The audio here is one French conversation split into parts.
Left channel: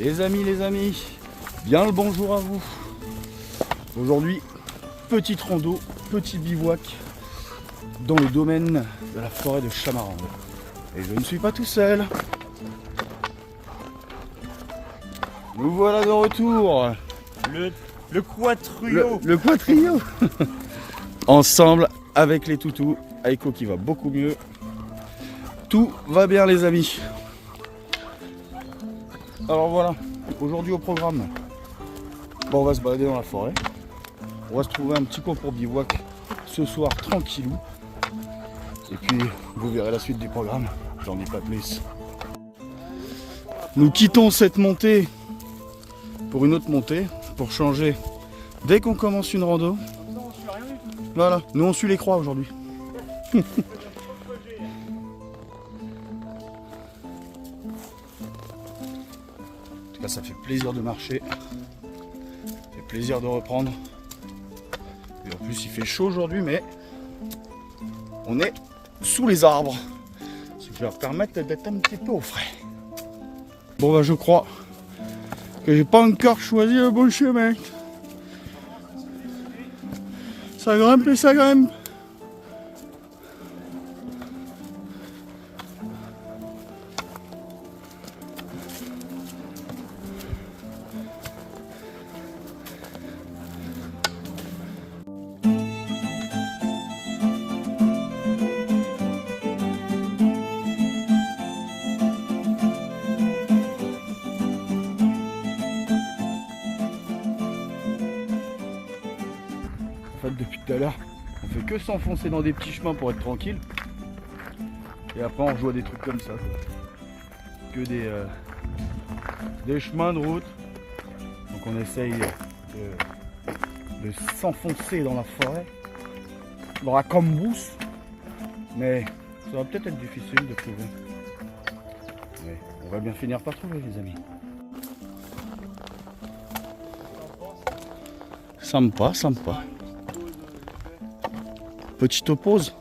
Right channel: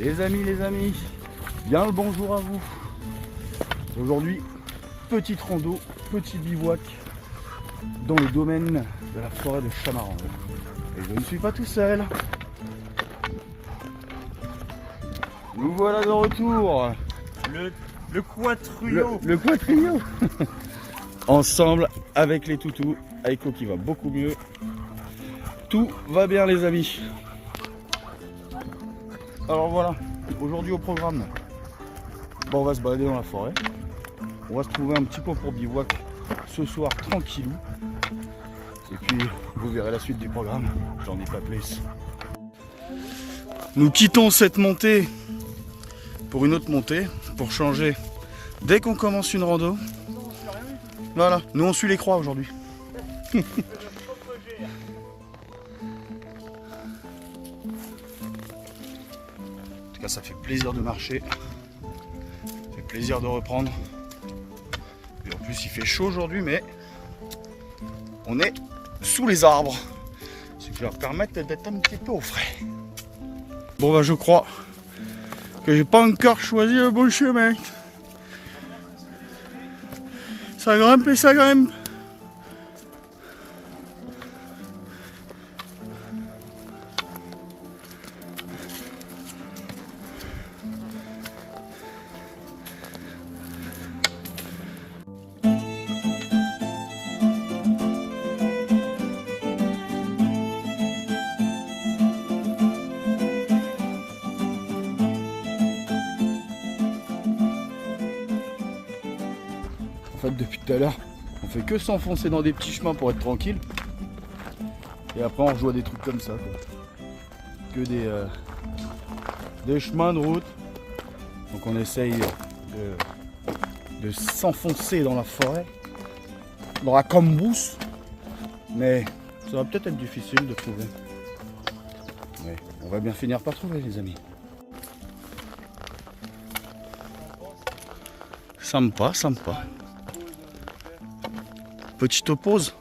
Les amis, bien le bonjour à vous. Aujourd'hui, petite rando, petit bivouac dans le domaine de la forêt de Chamarande. Et je ne suis pas tout seul. Nous voilà de retour. Le quatrio. Le quatrio. Ensemble avec les toutous. Aiko qui va beaucoup mieux. Tout va bien les amis. Alors voilà, aujourd'hui au programme, on va se balader dans la forêt. On va se trouver un petit coin pour bivouac ce soir tranquillou. Et puis vous verrez la suite du programme, j'en dis pas plus. Nous quittons cette montée pour une autre montée, pour changer dès qu'on commence une rando. Voilà, nous on suit les croix aujourd'hui. En tout cas, ça fait plaisir de marcher, ça fait plaisir de reprendre. Et en plus, il fait chaud aujourd'hui, mais on est sous les arbres, ce qui va permettre d'être un petit peu au frais. Bon, bah, je crois que j'ai pas encore choisi le bon chemin. Ça grimpe et ça grimpe. En fait, depuis tout à l'heure, on fait que s'enfoncer dans des petits chemins pour être tranquille. Et après, on rejoue à des trucs comme ça, quoi. Que des chemins de route. Donc on essaye de s'enfoncer dans la forêt, dans la cambrousse. Mais ça va peut-être être difficile de trouver. Mais on va bien finir par trouver, les amis. Sympa, sympa. Petite pause.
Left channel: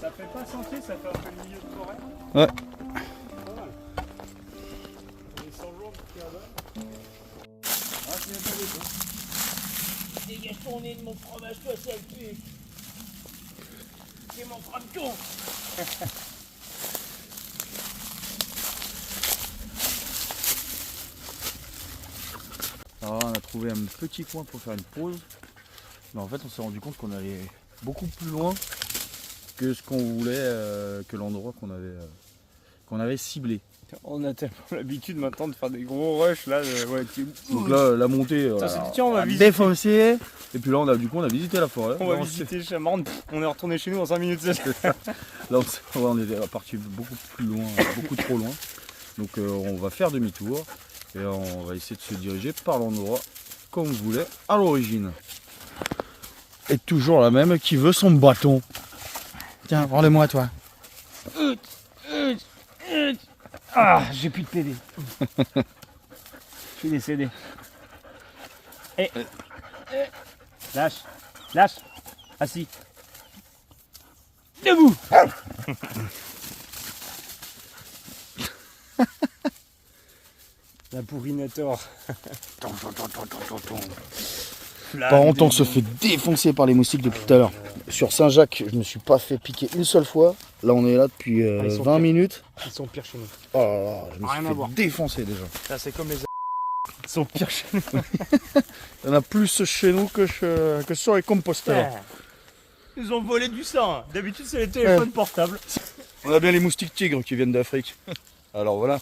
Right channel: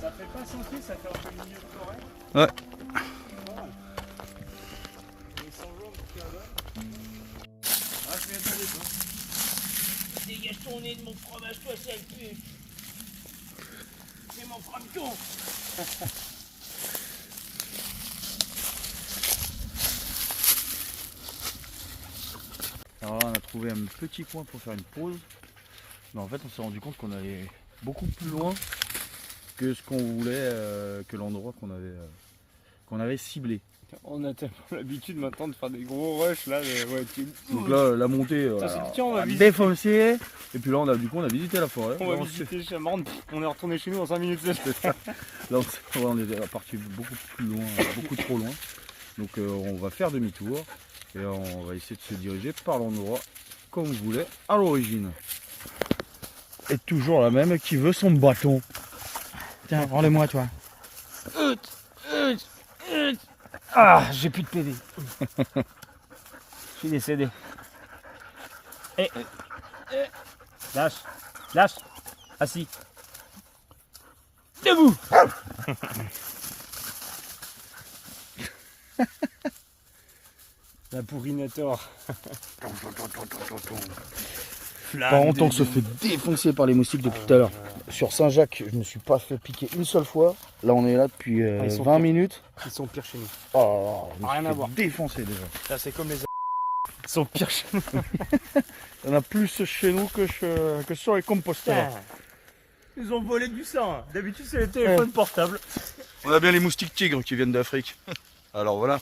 Ça fait pas sentier, ça fait un peu le milieu de forêt. Ouais. Dégage ton nez de mon fromage, toi, sale pute. C'est mon frère de con. Alors là, on a trouvé un petit coin pour faire une pause. Mais en fait, on s'est rendu compte qu'on allait beaucoup plus loin que ce qu'on voulait, que l'endroit qu'on avait ciblé. On a tellement l'habitude maintenant de faire des gros rushs là. Donc là, la montée, on on va a visiter. défoncé. Et puis là, on a visité la forêt. On Là, va visiter Chamarande. On est retourné chez nous en 5 minutes. Là, on est parti beaucoup plus loin, beaucoup trop loin. Donc on va faire demi-tour et on va essayer de se diriger par l'endroit comme on voulait à l'origine. Et toujours la même qui veut son bâton. Tiens, rends-le-moi toi. Ah, j'ai plus de PV. Je suis décédé. Lâche. Assis. Debout. La pourrinator. Par contre, on se fait défoncer par les moustiques depuis tout à l'heure. Sur Saint-Jacques, je ne me suis pas fait piquer une seule fois. Là, on est là depuis 20 minutes. Ils sont pires chez nous. Oh là là, je me Rien à suis voir. fait défoncer déjà. Ça, c'est comme les Ils sont pires chez nous. Il y en a plus chez nous que sur les composteurs. Ils ont volé du sang. D'habitude, c'est les téléphones portables. On a bien les moustiques tigres qui viennent d'Afrique. Alors voilà.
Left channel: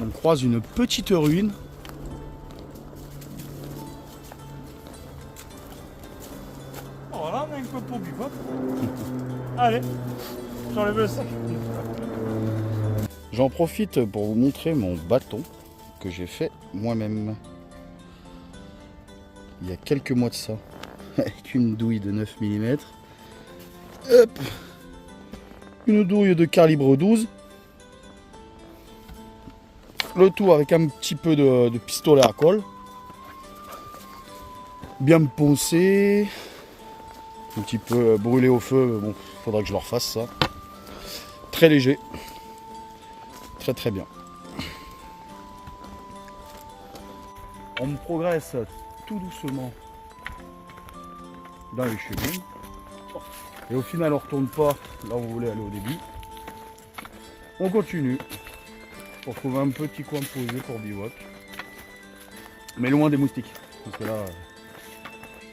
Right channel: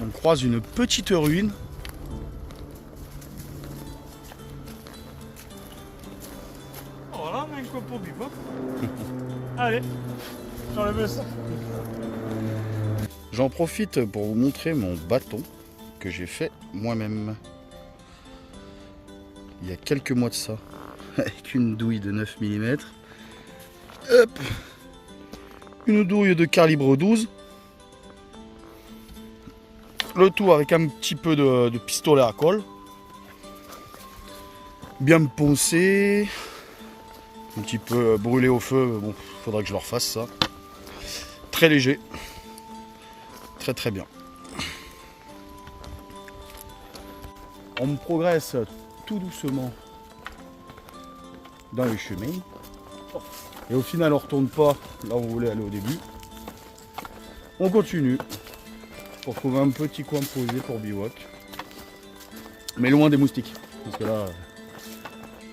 On croise une petite ruine. Voilà, mais une coupe pour bivouac. Allez, j'enlève ça. J'en profite pour vous montrer mon bâton que j'ai fait moi-même. il y a quelques mois de ça, avec une douille de 9 mm. Hop, une douille de calibre 12. Le tout avec un petit peu de pistolet à colle. Bien poncé. Un petit peu brûlé au feu. Bon, faudra que je le refasse ça. Très léger. Très très bien. On progresse tout doucement dans les chemins. Et au final, on retourne pas là où on voulait aller au début. On continue pour trouver un petit coin posé pour bivouac. Mais loin des moustiques. Parce que là,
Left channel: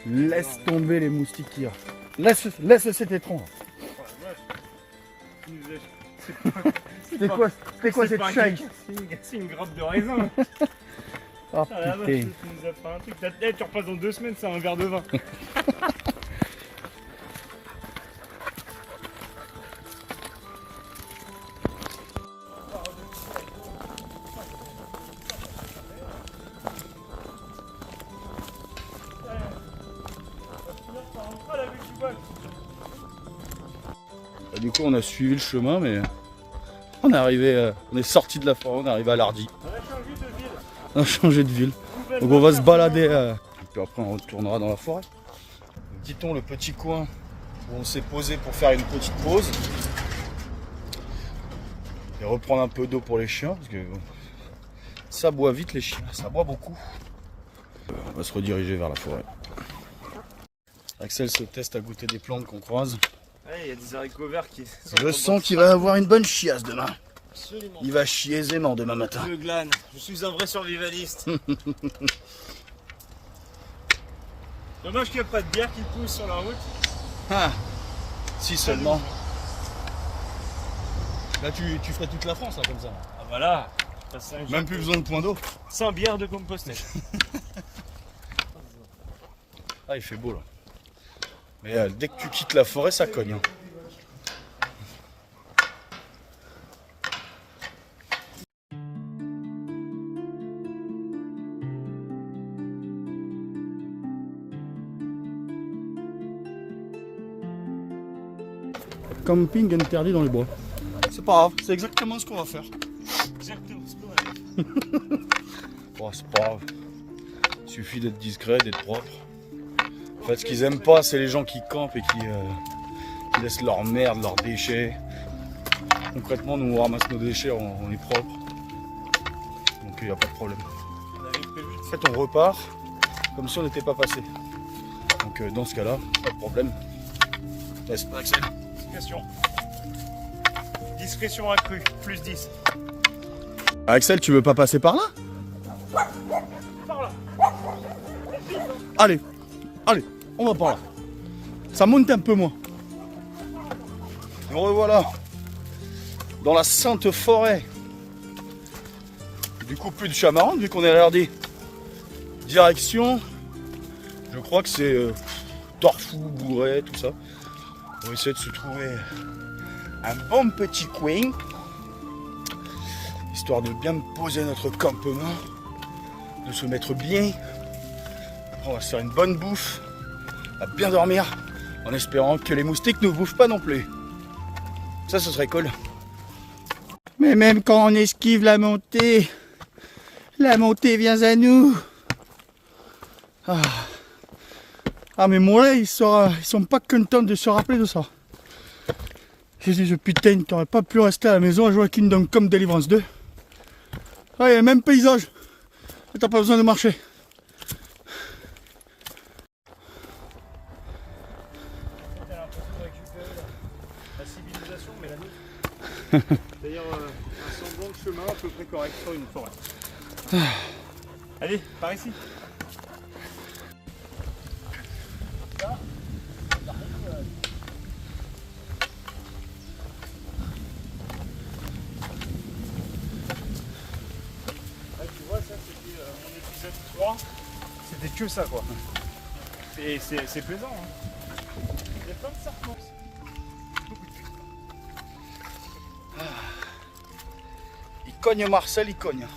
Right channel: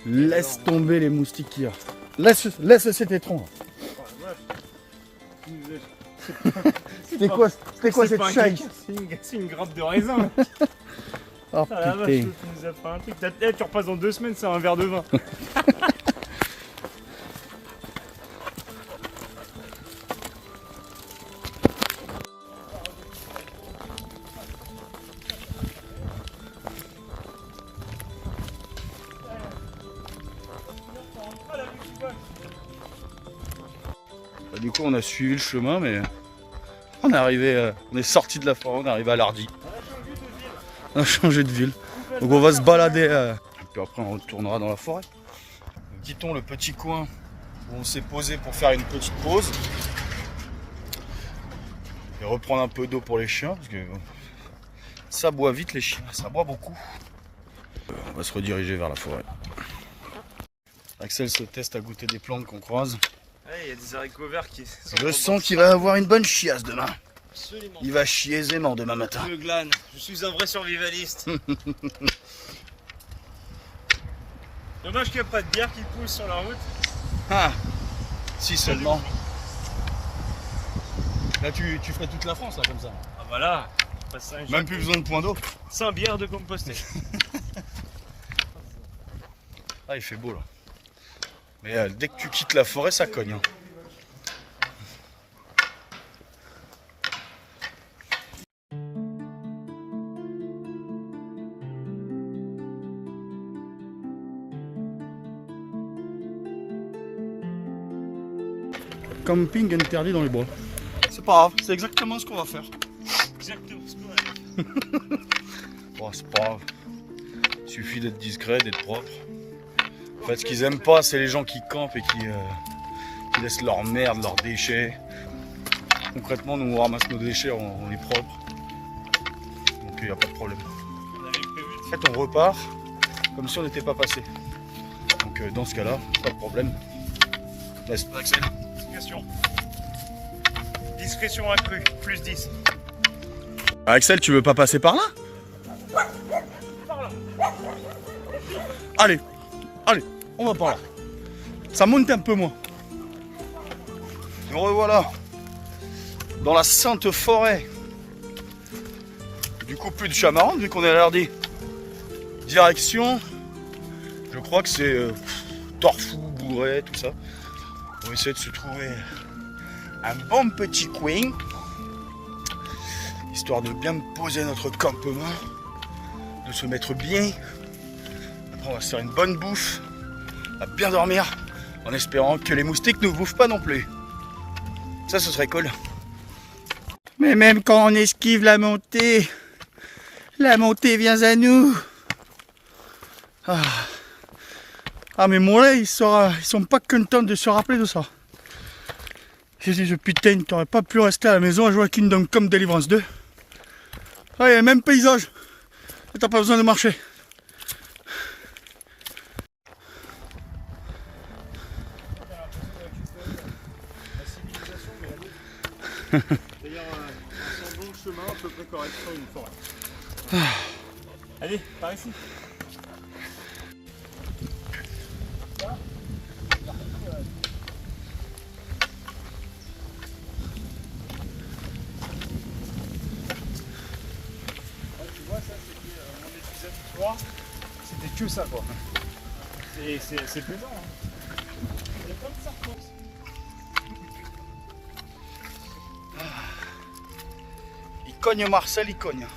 laisse tomber les moustiques qu'il y a. Laisse cet étron. C'était quoi cette chaille? C'est une grappe de raisin. Oh Ah la vache, putain. tu nous as fait un truc. Tu repasses dans 2 semaines, c'est un verre de vin. Du coup, on a suivi le chemin, mais on est arrivé, on est sorti de la forêt, on est arrivé à Lardy. On a changé de ville. Donc on va se balader. Et puis après, on retournera dans la forêt. Nous quittons le petit coin où on s'est posé pour faire une petite pause. Et reprendre un peu d'eau pour les chiens, parce que ça boit vite les chiens, ça boit beaucoup. On va se rediriger vers la forêt. Axel se teste à goûter des plantes qu'on croise. Il y a des haricots verts qui sont. Je sens qu'il va avoir une bonne chiasse demain. Absolument. Il va chier aisément demain matin. Je glane. Je suis un vrai survivaliste. Dommage qu'il n'y a pas de bière qui pousse sur la route. Ah, si seulement. Là, tu ferais toute la France, là, comme ça. Ah voilà. Même plus besoin de point d'eau. Sans bière de Compostelle. Ah, il fait beau, là. Mais dès que tu quittes la forêt, ça cogne. Hein. Camping interdit dans les bois. C'est pas grave, c'est exactement ce qu'on va faire. Exactement ce qu'on a dit. Oh, c'est pas grave. Il suffit d'être discret, d'être propre. En fait, ce qu'ils aiment pas, c'est les gens qui campent et qui laissent leur merde, leurs déchets. Concrètement, nous on ramasse nos déchets, on est propre. Donc il n'y a pas de problème. En fait, on repart comme si on n'était pas passé. Donc dans ce cas-là, pas de problème. Laisse pas Axel. Discrétion. Discrétion accrue, plus 10. Axel, tu veux pas passer par là? Par là. Allez, allez, on va par là. Ça monte un peu moins. Et revoilà dans la sainte forêt. Du coup, plus de chamarrons vu qu'on est à Lardy. Direction, je crois que c'est Torfou, Bourret, tout ça. On va essayer de se trouver un bon petit coin, histoire de bien poser notre campement, de se mettre bien. Après, on va se faire une bonne bouffe, on va bien dormir, en espérant que les moustiques ne nous bouffent pas non plus. Ça, ce serait cool. Mais même quand on esquive la montée vient à nous. Ah mais moi là, ils sont pas contents de se rappeler de ça. J'ai dit, putain, t'aurais pas pu rester à la maison à jouer à Kingdom Come Deliverance 2. Ah, il y a le même paysage. T'as pas besoin de marcher. T'as l'impression de récupérer la civilisation, mais la nôtre. C'est-à-dire, ils sont dans le chemin à peu près correct sur une forêt. Allez, par ici. Tu vois, ça c'était mon épisode 3. C'était que ça quoi. Et c'est plaisant. Hein. Il y a plein de serpents. Il cogne Marcel, il cogne.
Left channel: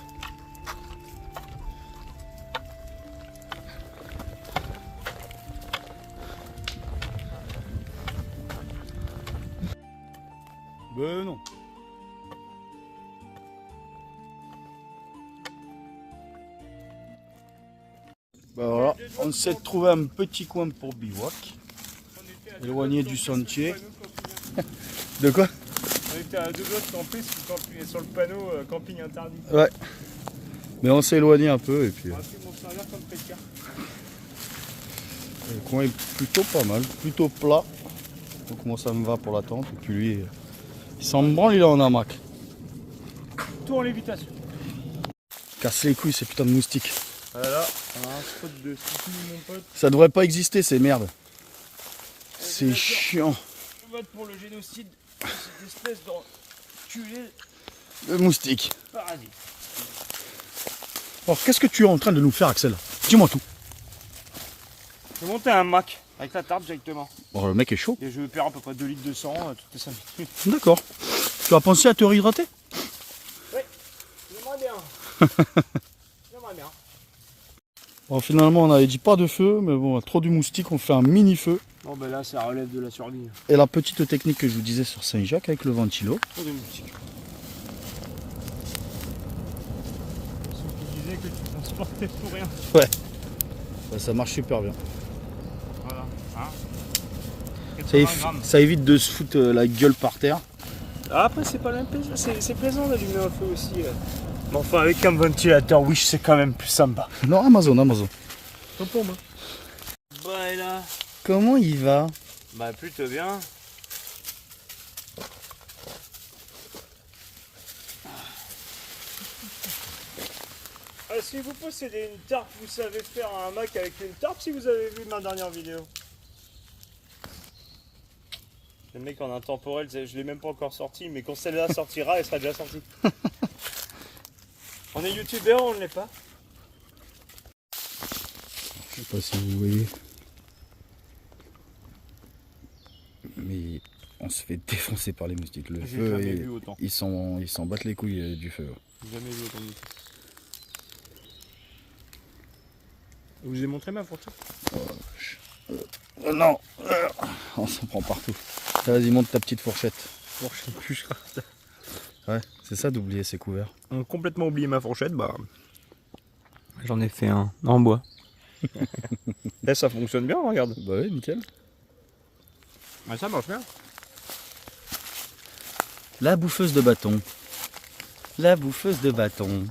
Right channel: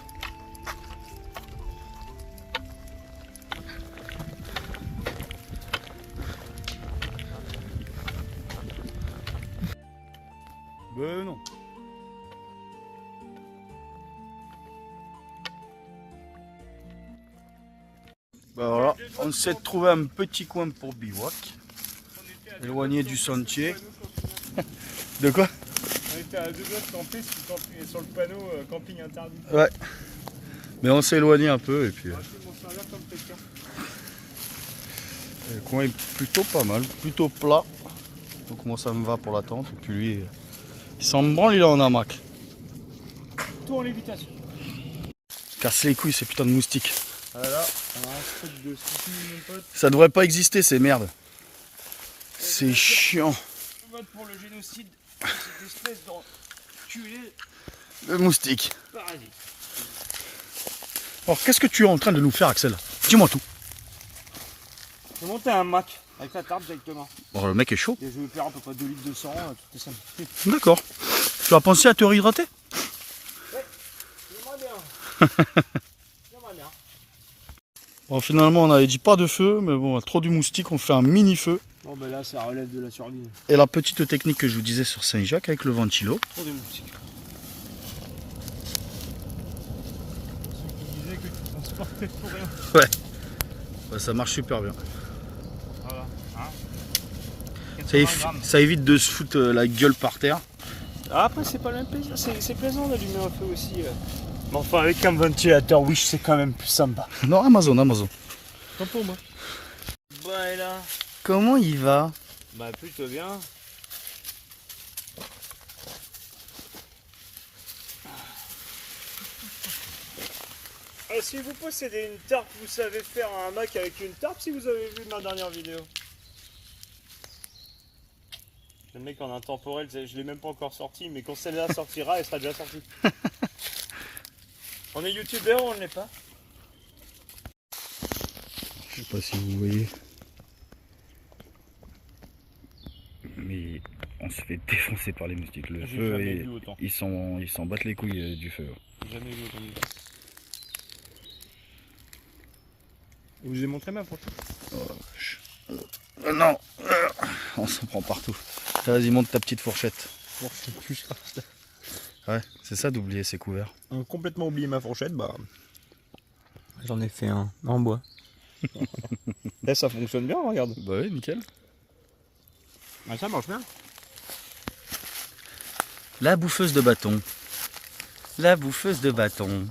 Ben non. Ben voilà, on s'est trouvé un petit coin pour bivouac, éloigné du sentier. De quoi? On était à 2 doigts de camper sur le panneau camping interdit. Ouais. Mais on s'est éloigné un peu et puis... On va se m'en servir comme pétard. Le coin est plutôt pas mal, plutôt plat. Donc moi ça me va pour la tente. Et puis lui, il s'en branle, il est en hamac. Tout en lévitation. Casse les couilles ces putains de moustiques. Voilà, on a un spot de ski, mon pote. Ça devrait pas exister ces merdes. C'est chiant. On vote pour le génocide de cette espèce d'enculé Le moustique. parasite. Alors qu'est-ce que tu es en train de nous faire Axel? Dis-moi tout. Je vais monter un Mac avec la tarte directement. Bon, le mec est chaud. Et je vais perdre à peu près 2 litres de sang toutes les 5 minutes. D'accord. Tu as pensé à te réhydrater? J'aimerais bien. J'aimerais bien. Bon, finalement on avait dit pas de feu, mais bon, trop du moustique, on fait un mini feu. Bon ben là ça relève de la survie. Et la petite technique que je vous disais sur Saint-Jacques avec le ventilo. Trop de moustiques. Tu disais que tu transportais pour rien. Ouais. Bah, ça marche super bien. Voilà. Hein Ça évite de se foutre la gueule par terre. Ah, après c'est pas le même plaisir, c'est plaisant d'allumer un feu aussi. Mais enfin avec un ventilateur Wish c'est quand même plus sympa. Non, Amazon. Pas pour moi. Bah et là. Comment il va? Bah plutôt bien. Si vous possédez une tarte, vous savez faire un Mac avec une tarte si vous avez vu ma dernière vidéo. Le mec en intemporel, je l'ai même pas encore sorti, mais quand celle-là sortira, elle sera déjà sortie. On est youtubeur ou on ne l'est pas? Je sais pas si vous voyez. Mais on se fait défoncer par les moustiques. Le feu, ils s'en battent les couilles du feu. J'ai jamais vu autant de temps. Je vous ai montré ma photo. Non, on s'en prend partout. Vas-y, monte ta petite fourchette. Fourchette. Ouais, c'est ça d'oublier ses couverts. Complètement oublié ma fourchette, bah. J'en ai fait un en bois. Là, ça fonctionne bien, regarde. Bah oui, nickel. Ah, ça marche bien. La bouffeuse de bâton. La bouffeuse de bâton.